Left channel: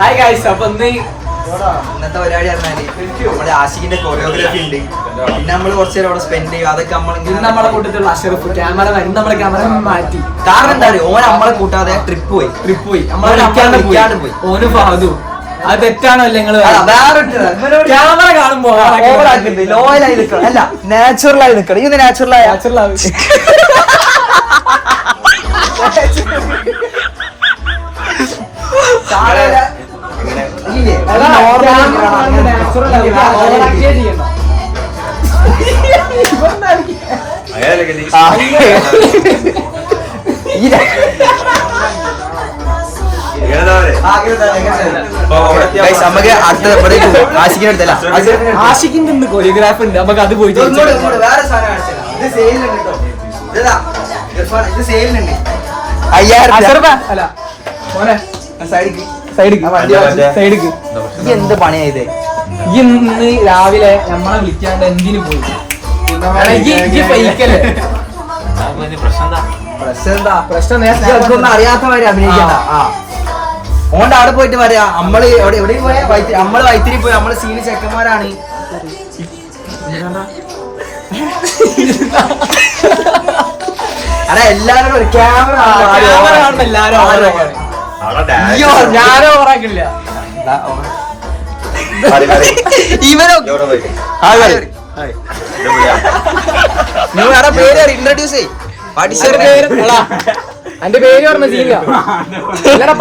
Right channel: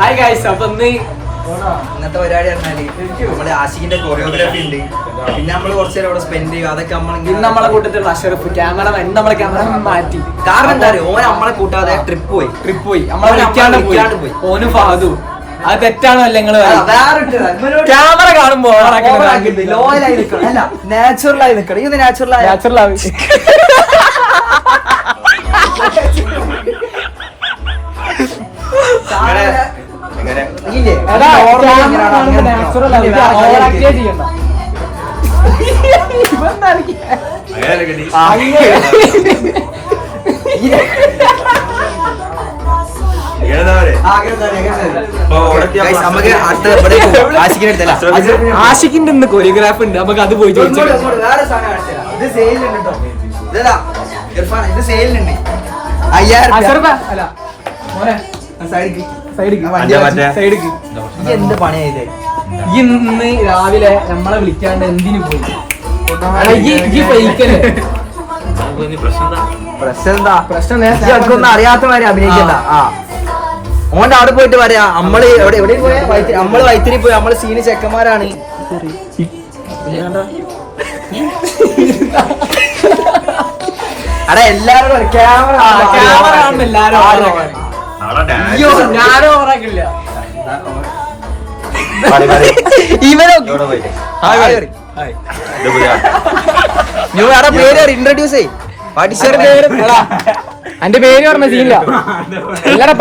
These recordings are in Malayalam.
ഹായ് ഗൈസ് അപ്പൊ ഇന്ന് ഇന്നത്തെ പരിപാടി പറഞ്ഞാൽ നമ്മളെ ആഷിക്കിന്റെ കൊറിയോഗ്രാഫി ഉണ്ട്. പിന്നെ നമ്മൾ കുറച്ച് നേരം അവിടെ സ്പെൻഡ് ചെയ്യും. അതൊക്കെ നമ്മൾ ഇന്ന് നമ്മളെ കൂട്ടത്തിലുള്ള അഷറഫ് ക്യാമറ ഇന്ന് നമ്മളെ ക്യാമറ മാറ്റി. കാരണം എന്താ പറയുക ഓൻ നമ്മളെ കൂട്ടാതെ ട്രിപ്പ് പോയി. ട്രിപ്പ് പോയി. നമ്മളെ വിളിക്കാണ്ട് പോയി. ഓന് ഫാദു. അത് തെറ്റാണോ നിങ്ങൾ അല്ല, വേറെ ക്യാമറ കാണുമ്പോ ആയി നിൽക്കണം. അല്ല നാച്ചുറൽ ആയി നിൽക്കണം. ഇത് നാച്ചുറൽ ആയ. സൈഡിക്ക് സൈഡിക്ക് ആ, വണ്ടി മറ്റേ- സൈഡിക്ക് ഇത് എന്ത് പണിയായത് ഇന്ന് രാവിലെ നമ്മളെ വിളിക്കാണ്ട് എന്തിനു പോയി? അറിയാത്തമാര് അഭിനയിക്കണ്ട. ആ. ഓന്റെ അവിടെ പോയിട്ട് പറയാ നമ്മൾ എവിടെ എവിടെ പോയ വൈത്തിരി നമ്മൾ വൈത്തിരി പോയി നമ്മൾ സീന് ചെക്കന്മാരാണ് അടാ എല്ലാരും ക്യാമറ ക്യാമറ എല്ലാരും ആരോ. അയ്യോ ഞാനോ ഓറാക്കില്ല ഇവനോ നീ വേറെ പേര് ഇൻട്രൊഡ്യൂസ് ചെയ് എന്റെ പേര് പറഞ്ഞ സീനില്ല.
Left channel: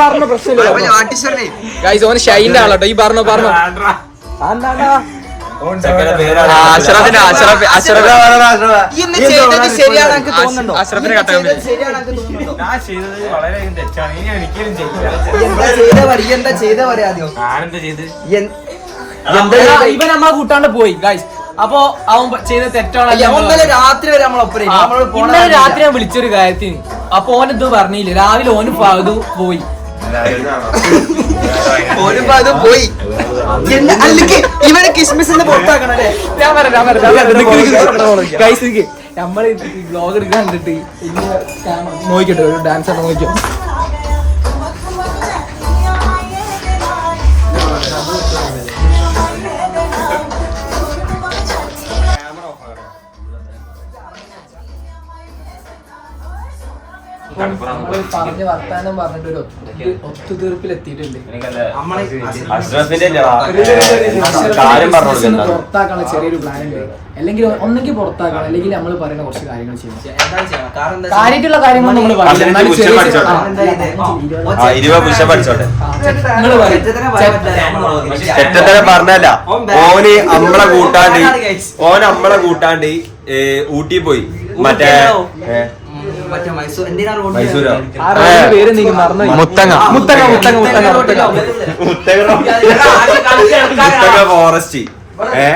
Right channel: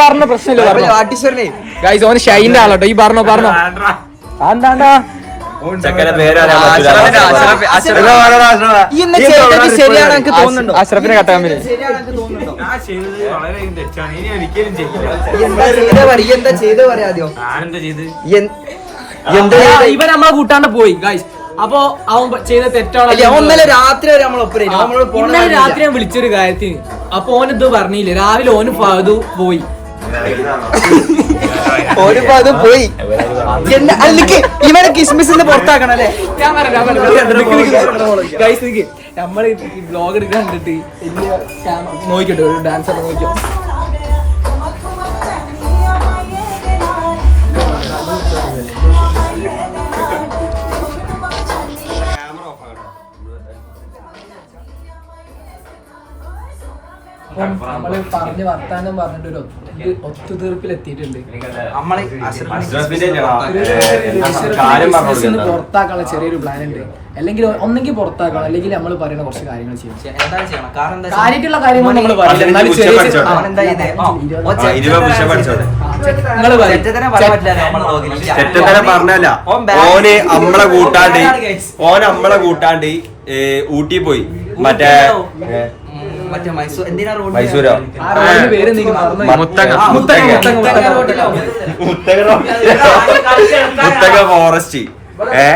പറഞ്ഞ പ്രശ്നമില്ല. വാട്ടിശ്വരനെ ഗൈസ് ഓന് ഷൈന്റെ ആളോട്ടോ. ഈ പറഞ്ഞോ പറഞ്ഞോ. എന്താ അഷ്റഫിനെ ചെയ്ത പറയാ ആദ്യം. ഇവൻ നമ്മളെ കൂട്ടാണ്ട് പോയി ഗൈസ് അപ്പൊ അവൻ ചെയ്ത തെറ്റാണല്ലോ രാത്രി വരെ നമ്മളൊപ്പം രാത്രി ഞാൻ വിളിച്ചൊരു കാര്യത്തിന്. അപ്പൊ ഓൻ ഇത് പറഞ്ഞില്ല? രാവിലെ ഓന് ഫഹദു പോയി. ഓനിപ്പോ അത് പോയി. അല്ലെങ്കിൽ ഇവനെ കിസ്മിസിന്റെ പുറത്താക്കണം അല്ലേ? ഞാൻ പറഞ്ഞു നമ്മൾ ഈ ബ്ലോഗ് എടുക്കാൻ കണ്ടിട്ട് നോക്കിട്ടോ ഒരു ഡാൻസർ നോക്കിയോ അപ്പം നമ്മൾ പറഞ്ഞ് വർത്താനം പറഞ്ഞിട്ട് ഒരു ഒത്തുതീർപ്പിലെത്തിയിട്ടുണ്ട് ഒത്തുതീർപ്പിൽ എത്തിയിട്ടുണ്ട് നമ്മളെ പുറത്താക്കാനുള്ള ചെറിയൊരു പ്ലാൻ ഉണ്ട് അല്ലെങ്കിൽ ഒന്നെങ്കിൽ പുറത്താക്കണം അല്ലെങ്കിൽ നമ്മൾ പറയുന്ന കുറച്ച് കാര്യങ്ങൾ ചെയ്യണം കാര്യമായിട്ടുള്ള കാര്യങ്ങൾ നമ്മൾ പറയില്ല എന്നാലും ചെറിയ. നിങ്ങൾ പറഞ്ഞല്ല ഓന് നമ്മളെ കൂട്ടാണ്ട് ഓൻ നമ്മളെ കൂട്ടാണ്ട് ഊട്ടി പോയി മറ്റേ മറ്റേ മൈസൂർ എന്തിനാ റോഡ് മൈസൂരോ? ആ റോഡിന്റെ പേര് എന്തെങ്കിലും മറന്നു പോയി. മുത്തങ്ങ. ആ, മുത്തങ്ങ മുത്തങ്ങ. മുത്തങ്ങ മുത്തങ്ങ റോഡിലോ? മുത്തക മുത്തക ഫോറസ്റ്റ് ഏ?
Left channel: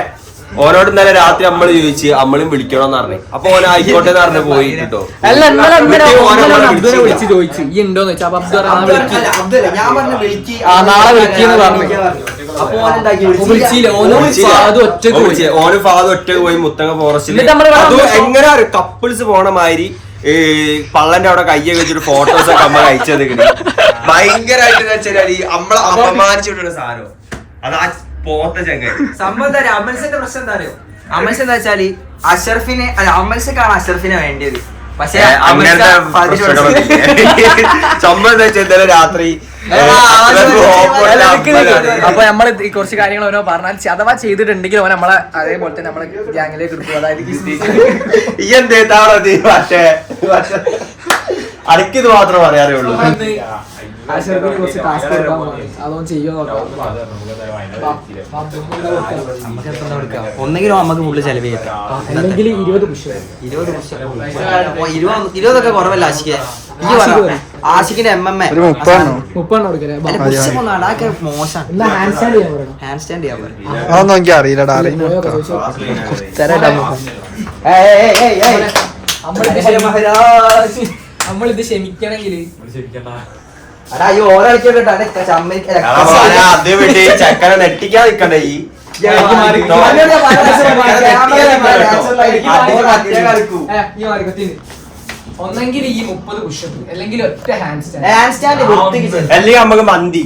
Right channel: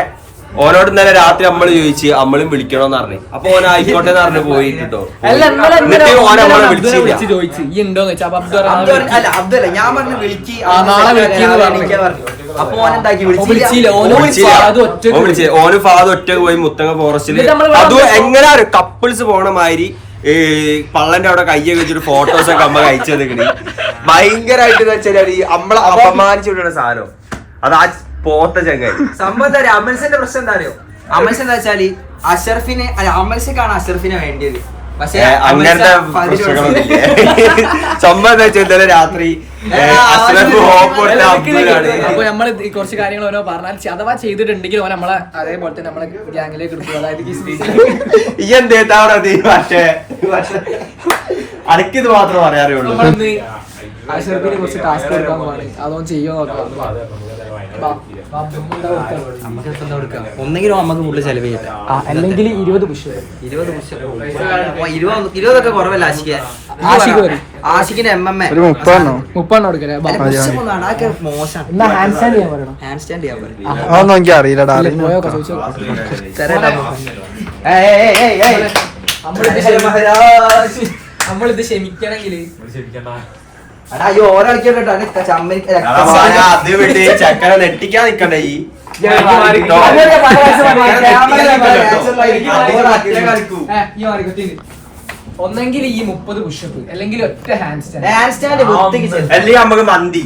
ഓനോട് ഇന്നലെ രാത്രി നമ്മൾ ചോദിച്ച് അമ്മളും വിളിക്കണോന്ന് പറഞ്ഞു. അപ്പൊ ഓൻ ആയിക്കോട്ടെ എന്ന് പറഞ്ഞു പോയിട്ടോ. അല്ല ഇന്നലെ ഇന്നലെ ഒന്നര അബ്ദുനെ വിളിച്ച് ചോദിച്ചു. ഈ ഉണ്ടോന്ന് വെച്ചാ അപ്പൊ അബ്ദു പറഞ്ഞു, ആ വിളിക്ക്. അല്ല അബ്ദുല്ല ഞാൻ പറഞ്ഞു വിളിക്ക്. ആ, നാളെ വിളിക്ക് എന്ന് പറഞ്ഞു. അപ്പൊ ഓൻ എന്താക്കി ഓൻ വിളിച്ചില്ല. ഓനോ വിളിച്ചു അത് ഒറ്റയ്ക്ക് ഓൻ വിളിച്ചേ ഓന് ഫാദർ ഒറ്റയ്ക്ക് പോയി മുത്തങ്ങ ഫോറസ്റ്റിൽ എന്നിട്ട് നമ്മൾ അത് എങ്ങനെ കപ്പിൾസ് പോണ മാതിരി ഈ പള്ളന്റെ അവിടെ കയ്യൊക്കെ വെച്ചിട്ട് ഫോട്ടോസ് ഒക്കെ അമ്മ കിട്ടി ഭയങ്കരമായിട്ട് വെച്ചാൽ ഈ നമ്മളെ അപമാനിച്ചിട്ടുള്ള സാധനം. അത് ആ പോത്ത ചങ്ങ സംഭവം എന്താ? അമൽസിന്റെ പ്രശ്നം എന്താ അറിയോ? അമൽസ് എന്താ വെച്ചാൽ അഷർഫിനെ അല്ല അമൽസക്കാണ് അഷർഫിനെ വേണ്ടിയത്. അങ്ങനത്തെ അമൽസ പകുതി പ്രശ്നങ്ങളൊന്നും ചമ്മ വെച്ചാൽ ഇന്നലെ രാത്രി. അപ്പൊ നമ്മൾ കുറച്ച് കാര്യങ്ങൾ ഓരോ പറഞ്ഞാൽ അഥവാ ചെയ്തിട്ടുണ്ടെങ്കിൽ ഓൻ നമ്മളെ അതേപോലെ തന്നെ നമ്മളെ ഗ്യാങ്ങിലേക്ക് എടുക്കും. അതായത് ഈ എന്തേത്താ പക്ഷേ അനക്കിത് മാത്രം അറിയാറുള്ളൂ നമ്മളിന്ന് അഷറഫിന് കുറച്ച് ടാസ്ക് കൊടുക്കാൻ പോവാണ്. അതൊന്നും ചെയ്യോ നോക്കാം. നമുക്ക് എത്ര കൊടുക്കാം? ഒന്നെങ്കിലും നമുക്ക് ഫുള്ള് ചെലവ് അല്ലെങ്കിൽ ഇരുപത് പുഷ് ഇരുപത് പുഷ് ഇരുപത് ഇരുപതൊക്കെ കുറവല്ല എം എം എ. അതൊക്കെ മോശം. ഹാൻഡ് സ്റ്റാൻഡ് ചെയ്യാൻ പറയണം? ഹാൻഡ് സ്റ്റാൻഡ് ചെയ്യാൻ എനിക്ക് അറിയില്ലടാ നമ്മളിത് ക്ഷമിക്കണമെങ്കിൽ അടാ ഈ ഓരോ കേട്ടോ ചമ്മ അത് വേണ്ടി ചക്കര നെട്ടിക്കാൻ നിക്കണ്ടേ ഈ ഒന്നെങ്കിൽ ഈ മുപ്പത് പുഷപ്പ് അല്ലെങ്കിൽ ഒറ്റ ഹാൻഡ് സ്റ്റാൻഡ് ഹാൻഡ് സ്റ്റാൻഡ് അല്ലെങ്കിൽ നമുക്ക് മന്തി.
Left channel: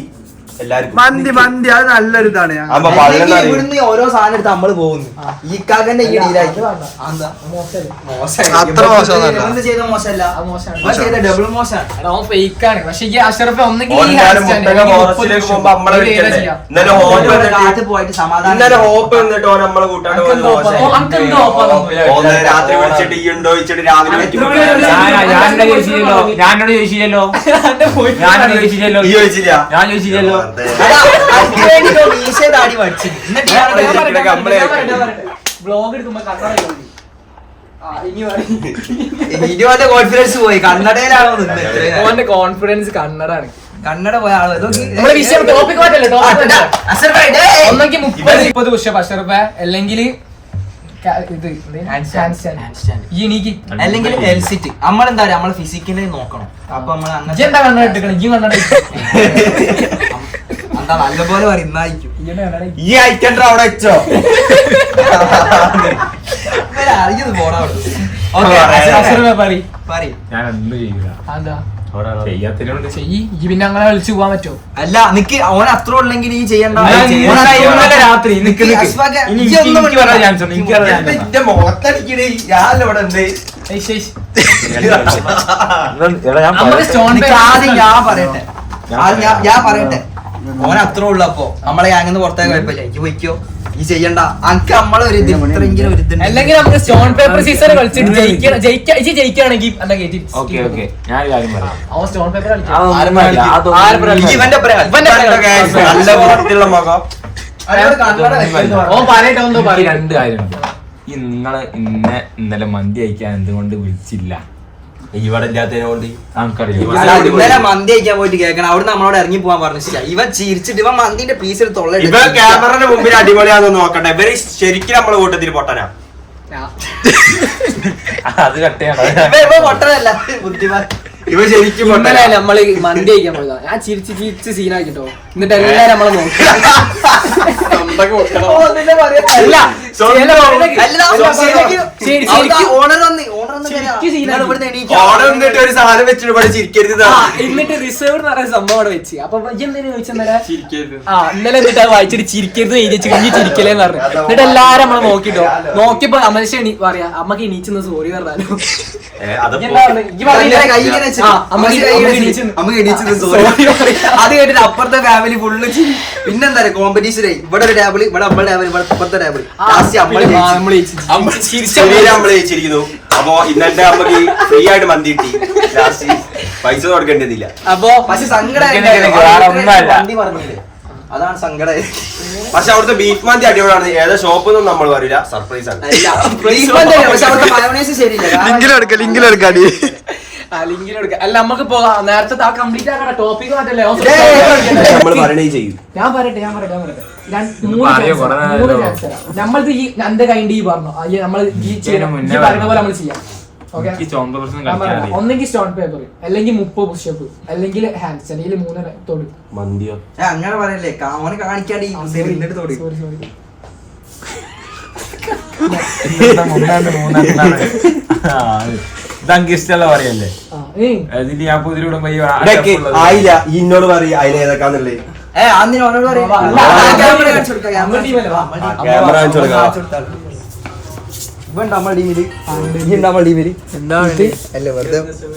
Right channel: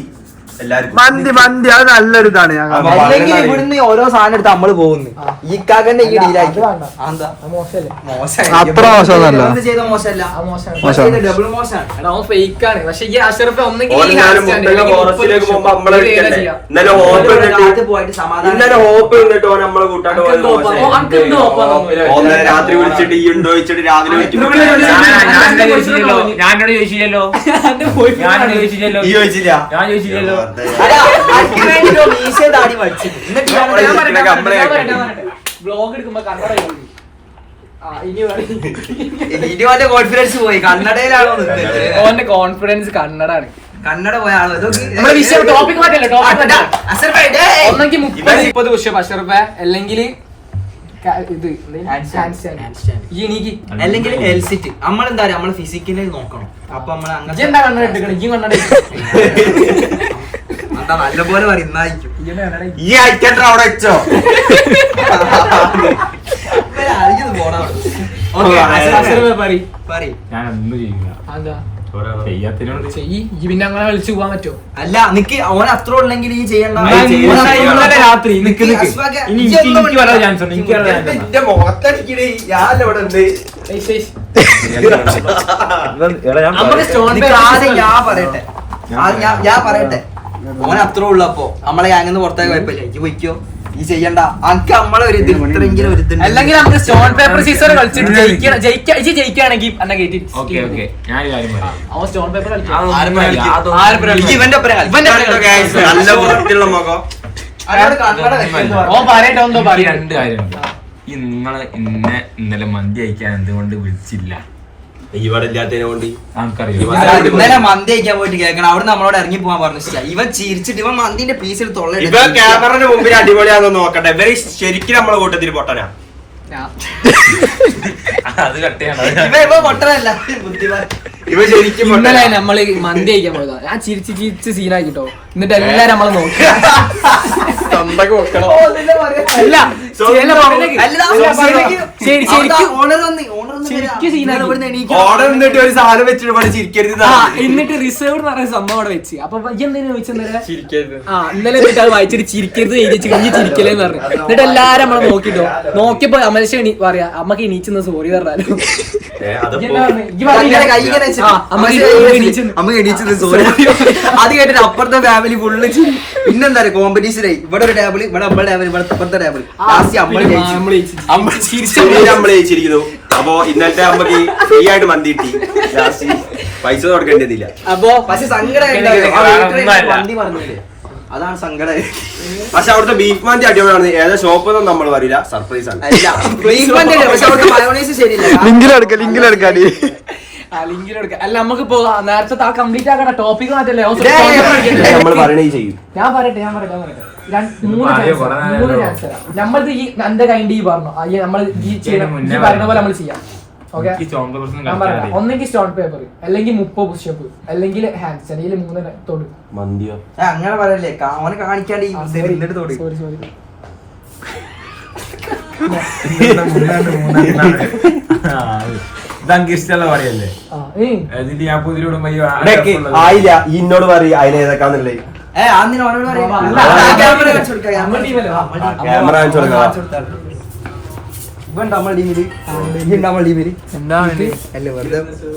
എല്ലാവർക്കും മന്തി മന്തി അത് നല്ലൊരു ഇതാണ് ഞാൻ അപ്പൊ കാണുന്നത്. അല്ലെങ്കിൽ ഇവിടുന്ന് ഓരോ സാധനം എടുത്ത് നമ്മൾ പോകുന്നു ഈ കാക്കന്റെ ഈ ഡീലാക്കി അത്ര മോശമൊന്നുമല്ല. ചെയ്ത മോശമല്ല അത് മോശമാണ്. ചെയ്ത ഡബിൾ മോശമാണ് എടാ, അവൻ fake ആണ് പക്ഷെ ഈ അഷറഫ് ഒന്നെങ്കിൽ ഓൻ ഈ ഞാനും ഹാൻഡ് സ്റ്റാൻഡ് മുട്ടയുടെ അല്ലെങ്കിൽ ഫോറസ്റ്റിലേക്ക് മുപ്പത് പോകുമ്പോ നമ്മളെ ഇത് ഏതാ വിളിക്കണ്ടേ? ചെയ്യാ? ഇന്നലെ ഹോപ്പ് കാറ്റ് വന്നിട്ട് പോയിട്ട് സമാധാനം ഹോപ്പ് ഓൻ നമ്മളെ കൂട്ടാണ്ട് അനക്ക് എന്തോ ഒപ്പം. ഓ, അനക്ക് എന്തോ ഒപ്പം ഓനെ രാത്രി വിളിച്ചിട്ട് ഈ ഉണ്ടോ ചോദിച്ചിട്ട് രാവിലെ വിളിക്കുമ്പോ ഞാൻ- ഞാനോട് ചോദിച്ചില്ലല്ലോ ഞാനോട് ചോദിച്ചില്ലല്ലോ എന്റെ boyfriend ഞാനോട് ആണ്. ചോദിച്ചില്ലല്ലോ ഈ ചോദിച്ചില്ല ഞാൻ ചോദിച്ചില്ലല്ലോ എടുക്കുമ്പോ കണ്ണട ഇനി. ഇനിയോന്റെ കോൺഫിഡൻസ് പോയി. കന്നടയിലാണ് ഓന്റെ കോൺഫിഡൻസ് കണ്ണടാണ് കന്നഡ പോയ ആൾ. ഇതൊക്കെ നമ്മളെ വിഷയം ടോപ്പിക് ഒന്നെങ്കിൽ മുപ്പത്. മുപ്പത് പുഷപ്പ് അല്ലെങ്കിൽ ഇത് അല്ലെങ്കിൽ എൽസിറ്റ് നമ്മളെന്താ പറയാ? നമ്മൾ ഫിസിക്കലി നോക്കണം. അപ്പൊ നമ്മൾ അങ്ങനെ നല്ലപോലെ ഇട്ട്. ഈ അയക്കണ്ട അവിടെ വെച്ചോ അറിയുന്നത് പോടാ പറയ് പറയും ഞാൻ ഒന്നും ചെയ്യില്ല അതാ ചെയ്യാത്തതിനോട് ചെയ്യ് ഇജ്ജ് പിന്നെ അങ്ങനെ വിളിച്ചു പോവാൻ പറ്റോ അല്ല നിക്ക് ഓൻ അത്ര ഉള്ളെങ്കിൽ ഈ ചെയ്യണ്ട ഞാൻ ഓൻ അത്ര ഉള്ളെങ്കിൽ രാത്രി നിക്ക് നിക്ക് നിക്ക്. അസ്വാക്ക് ഇനി ഇജ്ജ് ഒന്നും എനിക്ക് വരാൻ chance ഉണ്ട്, എനിക്ക് വരാൻ chance ഉണ്ട്. മുഖത്തടിക്കണേ ഞാനല്ല ഇവിടെ ഉണ്ട് ഏയ് ശേഷ്. എടാ, ഞാൻ നമുക്ക് പറയട്ടെ. നിക്ക് ആദ്യം ഞാൻ പറയട്ടെ ഞാൻ ആദ്യം ഞാൻ- ഞാൻ പറയട്ടെ ഓൻ അത്ര ഉള്ളപ്പോ നമ്മളെ അങ്ങനെ പുറത്തേക്ക് കുഴപ്പമില്ല. എനിക്ക് വയ്ക്കോ ഈ ചെയ്യണ്ട. അനക്ക് നമ്മളെ ഒരു ഇത് ഇത്രയെങ്കിലും ഒരു ഇതുണ്ട്. അല്ലെങ്കിൽ നമുക്ക് സ്റ്റോൺ പേപ്പർ സീസർ കളിച്ചിട്ട് ജയിക്കണം ഇജ്ജ് ജയിക്കുകയാണെങ്കിൽ ഓക്കെ ഓക്കെ. ഞാൻ ഒരു കാര്യം പറയാം. അവൻ സ്റ്റോൺ പേപ്പർ കളിക്കും. ഇവന്റെ നല്ല വൃത്തിയുള്ള മുഖം ഓ പറയട്ടെ രണ്ട് കാര്യമുണ്ട്. ഈ നിങ്ങളെ ഇന്നെ ഇന്നലെ മന്തി അയക്കാൻ എന്തുകൊണ്ട് വിളിച്ചില്ല? ഇവിടെ ഇല്ലാത്തതിനെ കൊണ്ട് ഇന്നലെ മന്തി കഴിക്കാൻ പോയിട്ട് കേൾക്കണം. അവിടെ നമ്മളോട് ഇറങ്ങി പോകാൻ പറഞ്ഞു. ഇവൻ ചിരിച്ചിട്ട് ഇവൻ മന്തിന്റെ പീസ് എടുത്ത് തൊള്ള ഇവ ക്യാമറന്റെ മുമ്പിൽ അടിപൊളിയാന്ന് നോക്കട്ടെ. ഇവർ ശരിക്കും നമ്മളെ കൂട്ടത്തിൽ പൊട്ടനാ. അത് കട്ടിയാണ് ഇവ ഇവ പൊട്ടതല്ല ബുദ്ധിമാൻ. ഇവ ശരിക്കും ഇന്നലെ നമ്മൾ മന്തി കഴിക്കാൻ പോയതാ. ഞാൻ ചിരിച്ച് ചിരിച്ച് സീനാക്കിട്ടോ എന്നിട്ട് എല്ലാരും നമ്മളെ നോക്കി. എന്നിട്ട് റിസർവ് എന്ന് പറയുന്ന സംഭവം അവിടെ വെച്ച്. അപ്പൊ ചോദിച്ചെന്നല്ലേ ചിരിക്കരുത്. ആ ഇന്നലെ എന്നിട്ട് അത് വായിച്ചിട്ട് ചിരിക്കരുത് എഴുതി ചിരിഞ്ഞ് ചിരിക്കലേന്ന് പറഞ്ഞു. എന്നിട്ട് എല്ലാരും നമ്മളെ നോക്കിട്ടോ. നോക്കിയപ്പോ എണീ പറയാ അമ്മയ്ക്ക് എണീച്ചെന്ന് സോറി പറഞ്ഞാലും. അത് കേട്ടിട്ട് അപ്പുറത്തെ ഫാമിലി ഫുള്ള് പിന്നെന്താ കോമ്പറ്റീഷൻ ഇവിടെ ഒരു ടേബിൾ ഇവിടെ അമ്മ ടേബിൾ ഇവിടെ അപ്പുറത്തെ ടേബിൾ നമ്മൾ ജയിച്ചിരിക്കുന്നു. അപ്പൊ ഇന്നത്തെ അമ്മയ്ക്ക് ഫ്രീ ആയിട്ട് മന്തി കിട്ടി. ലാസ്റ്റ് പൈസ കൊടുക്കേണ്ടതില്ല. അപ്പൊ പക്ഷെ സങ്കടം അതാണ് സങ്കടം. പക്ഷെ അവിടുത്തെ ബീഫ് മാന്തി അടിപൊളിയാണ് ഏതാ ഷോപ്പ് ഒന്നും നമ്മൾ പറയില്ല സർപ്രൈസ് ആണ്. ലിങ്കിൽ ട്രീറ്റ്മെന്റ് തന്നെ പക്ഷെ അവിടുത്തെ മയോണൈസ് ശരിയില്ല. ലിങ്കിലെടുക്ക അല്ല നമുക്ക് നേരത്തെ ആ കംപ്ലീറ്റ് ആക്കണ ടോപ്പിക് എടുക്കട്ടെ. നമ്മൾ പറയണേ ചെയ്യും. ഞാൻ പറയട്ടെ ഞാൻ പറയട്ടെ ഞാൻ പറയട്ടെ. രണ്ട്- മൂന്ന് ചാൻസ് മൂന്ന് തരാം. ഈ എന്റെ കൈൻഡ് ഈ പറഞ്ഞു. നമ്മൾ ഈ ചെയ്യണം ഈ പറയുന്ന പോലെ നമ്മൾ ചെയ്യാം. ഒന്നെങ്കിൽ സ്റ്റോൺ പേപ്പർ അല്ലെങ്കിൽ മുപ്പത് പുഷപ്പ് അല്ലെങ്കിൽ ഹാൻഡ്സ് അല്ലെങ്കിൽ മൂന്ന് തൊട് മന്തിയോ അങ്ങനെ പറയല്ലേ ഓനെ കാണിക്കാണ്ട് സോറി സോറി പറയല്ലേ ഞാൻ പുതിരിടുമ്പോ ആയില്ല ഇന്നോട് പറയ അതിന് ഏതൊക്കാന്നുള്ളത് ഏ അന്നിനോട് പറയും ക്യാമറ ആ, കാണിച്ചു കൊടുക്കാം,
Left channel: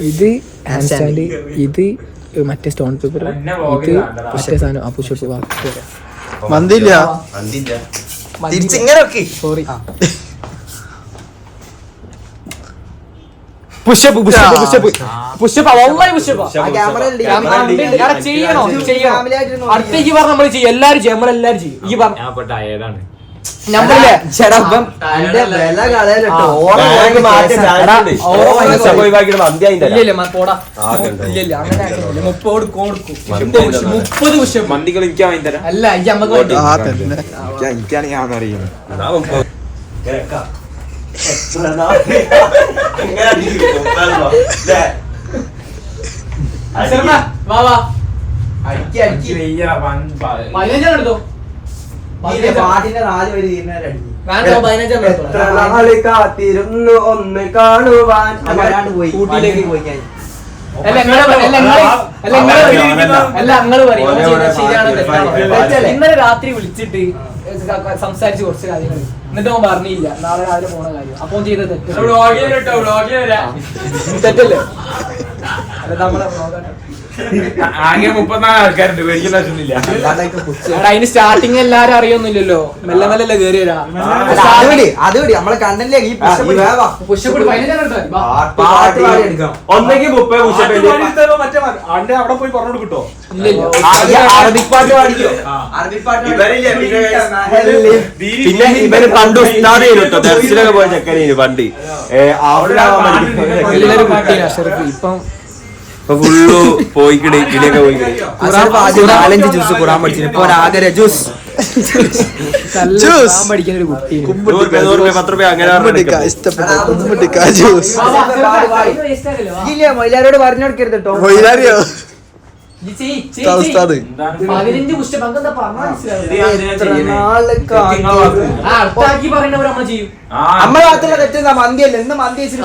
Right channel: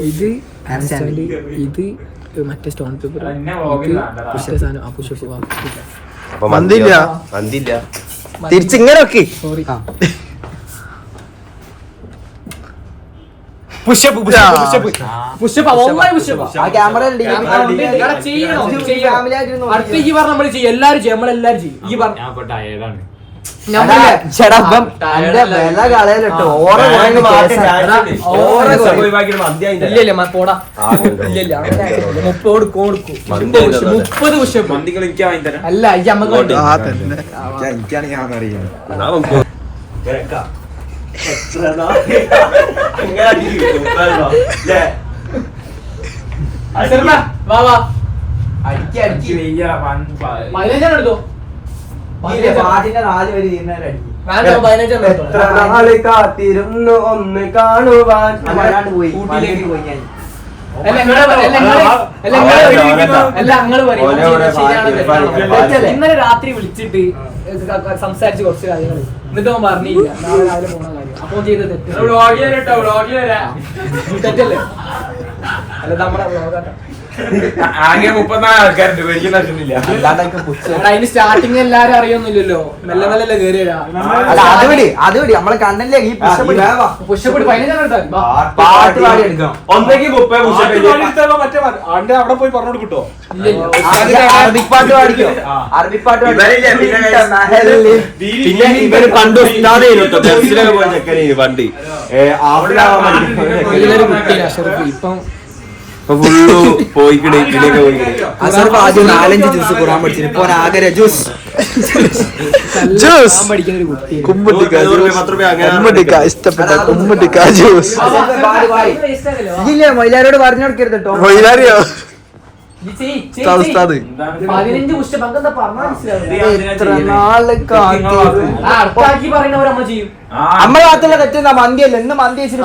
ഇത്. stand. ഇത്. മറ്റേ സ്റ്റോൺ പേപ്പർ ഇത്. മറ്റേ സാധനം. ആ പുഷപ്പ് അപ്പൊ മന്തിയില്ല മന്തില്ല തിരിച്ചിങ്ങനെ വെക്ക്. Sorry pushup pushup, pushup. Pushup ഒന്നായി പുഷപ്പ്. ആ ക്യാമറ ചെയ്യണോ? അടുത്തേക്ക് പറഞ്ഞ ചെയ്യും. എല്ലാരും ചെയ്യും. നമ്മളെല്ലാരും ചെയ്യും. ഈ പറഞ്ഞ ഏതാണ് മുപ്പത് കൊടുക്കും മുപ്പത് മുപ്പത് എനിക്ക് വാങ്ങി അല്ല ആ തന്നെ. എനിക്കാണ് ഞാൻ അറിയുന്നത് നമുക്ക് അടിക്കും. അടിക്കി. പതിനഞ്ചാണ് എടുത്തോ? നാൾ കാത്തിരുന്നു ഒന്ന് കാണുവാൻ? ഇന്നലെ രാത്രി വിളിച്ചിട്ട് സംസാരിച്ച് കുറച്ച് കാര്യങ്ങൾ എന്നിട്ട് അവൻ പറഞ്ഞില്ല. നാളെ രാവിലെ പോണ കാര്യം. അപ്പൊ ചെയ്ത ചെയ്തത് തെറ്റല്ലേ തെറ്റല്ലേ? അല്ല, നമ്മളെ. ആകെ മുപ്പത്തിനാല് ആൾക്കാരുണ്ട്. അതിന് സ്റ്റാർട്ടിങ് എല്ലാരും അറിയൊന്നുമില്ലല്ലോ. മെല്ലെ മെല്ലെ കേറി വരാ? അല്ല അത് വിടി അത് വിടി. നമ്മളെ കണ്ടല്ലേ? ഈ ഒന്നെങ്കിൽ മുപ്പത് പുഷപ്പ് അവിടെ പോയി പറഞ്ഞു കിട്ടോ ഇല്ല, ഇല്ല. അറബി- അറബിക് പാട്ട് പാടിക്കോ? അറബിക് പാട്ട് പിന്നെ ഇവർ പണ്ട് ദർശനൊക്കെ പോയ ചെക്കനെ പണ്ട്. ഇപ്പം ഇപ്പൊ ഫുള്ളു നാലഞ്ച് ജ്യൂസ് ഖുറാൻ പഠിച്ചു ഇപ്പൊ ആകര ജ്യൂസ് ജ്യൂസ്. ഇഷ്ടപ്പെട്ട കുമ്പിട്ടിക്ക ജ്യൂസ് മൈലാരോട് പറഞ്ഞു കൊടുക്കരുത് കേട്ടോ മൊയിലാരിയോ പതിനഞ്ച് പുഷപ്പ് എന്താ പറഞ്ഞാൽ മനസ്സിലാവില്ല നാളൊക്കെ ആ അടുത്താക്കി പറയുന്നവർ അമ്മ ചെയ്യും. അമ്മ രാത്രി തെറ്റുന്ന മന്തിയല്ല. ഇന്ന് മന്തി ഓനക്ക്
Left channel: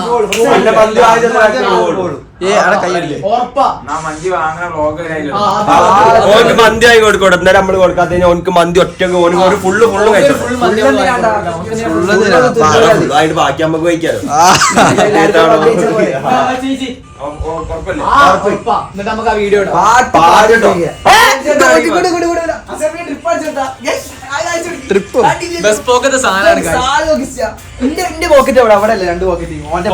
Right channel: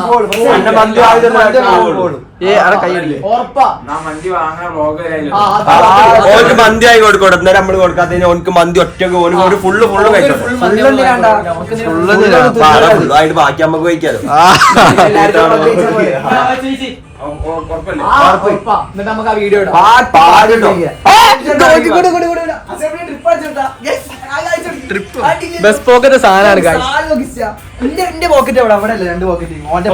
ആയി കൊടുക്കോട്ടെ. എന്നാലും നമ്മൾ കൊടുക്കാത്തതിന് ഓനക്ക് മന്തി ഒറ്റയ്ക്ക് ഓന് ഒരു ഫുള്ള് ഫുള്ള് ഫുള്ള്. ആയിട്ട് ബാക്കി നമുക്ക് കഴിക്കാലോ. എന്നിട്ട് നമുക്ക് ആ വീഡിയോ. ട്രിപ്പ് ബസ് പോക്കത്തെ guys. എന്റെ പോക്കറ്റ് എവിടെ? അവിടെ അല്ലേ? രണ്ട് പോക്കറ്റ് ഓന്റെ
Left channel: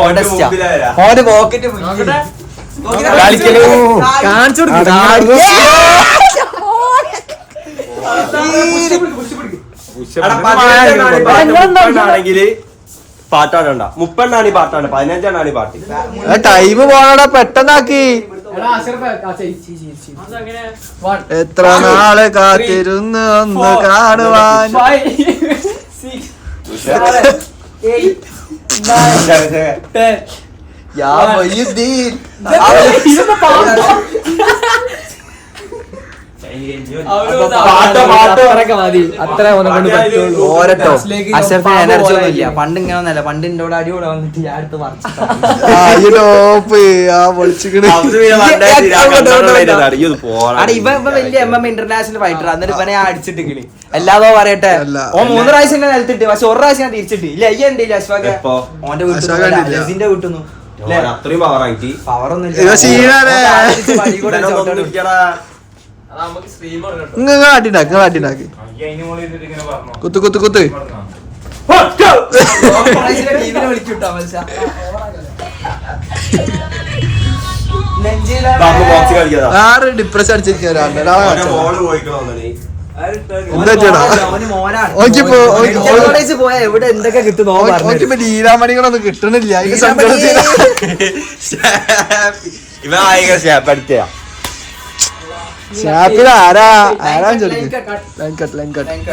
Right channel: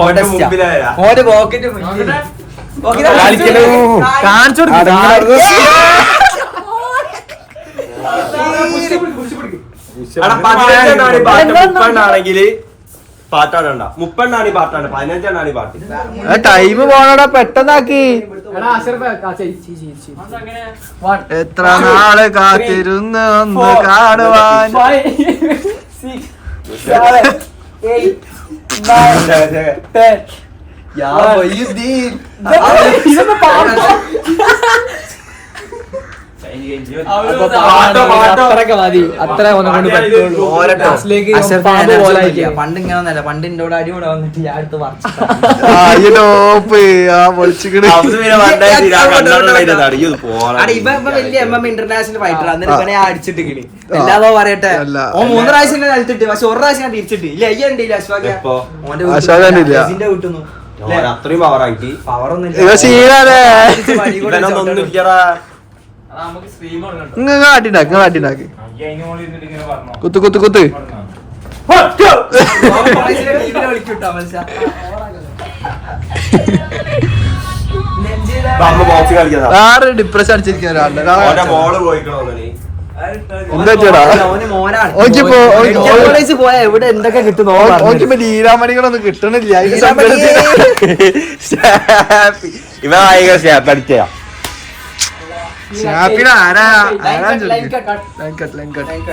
ഓന്റെ പോക്കറ്റ് കളിക്കലോ കാണിച്ചു കൊടുക്ക്. പാട്ടാടണ്ട മുപ്പെണ്ണാണ് ഈ പാട്ടാണ് പതിനഞ്ചെണ്ണാണ് ഈ പാട്ട് ടൈം പോണടാ പെട്ടെന്നാക്കി. എത്ര നാൾ കാത്തിരുന്ന് ഒന്ന് കാണുവാൻ? Five, അത്രയൊക്കെ മതി. അത്ര ഒന്നും കൊണ്ട് പറ്റുള്ളൂ. അഷറഫിന് എനർജി പോലെ ഒന്നുമില്ല. പണ്ട് ഇങ്ങനെ ഒന്നല്ല പണ്ട് എന്റെ കൂടെ അടി കൂടെ വന്നിട്ട് ഞാൻ അടുത്ത് വലിയ എം എം ഇന്റർനാഷണൽ ഫൈറ്റർ അന്നേരം ഇവനെ ഞാൻ അടിച്ചിട്ടിക്കണ്. എല്ലാതോ പറയട്ടെ. ഓ മൂന്ന് പ്രാവശ്യം എന്നെ നിലത്തിട്ട്. പക്ഷെ ഒരു പ്രാവശ്യം ഞാൻ തിരിച്ചിട്ട്. ഇല്ല അയ്യ ഉണ്ട് അശ്വാക. എപ്പോ? ഓന്റെ. വീട്ടിൽ അത്രയും പവറായിട്ട് പവർ ഒന്നും ഇവ സീനാണ്. ഇങ്ങ കാട്ടിണ്ടാക്കി കാട്ടിണ്ടാക്കി കുത്ത് കുത്ത് കുത്ത്. ആറ് ഡിപ്രഷൻ അടിച്ചിരിക്കുന്ന ഒരാളുടെ. ഒരാളെ എന്താ ചേടാ ഓക്കിപ്പോ ഓക്കിപ്പോ ലീലാമണികളൊന്നും കിട്ടണില്ല. അതിന്റെ സങ്കടത്തിന് यहाँ फिर आ रहा है आ रहा है लाइन कट लाइन कट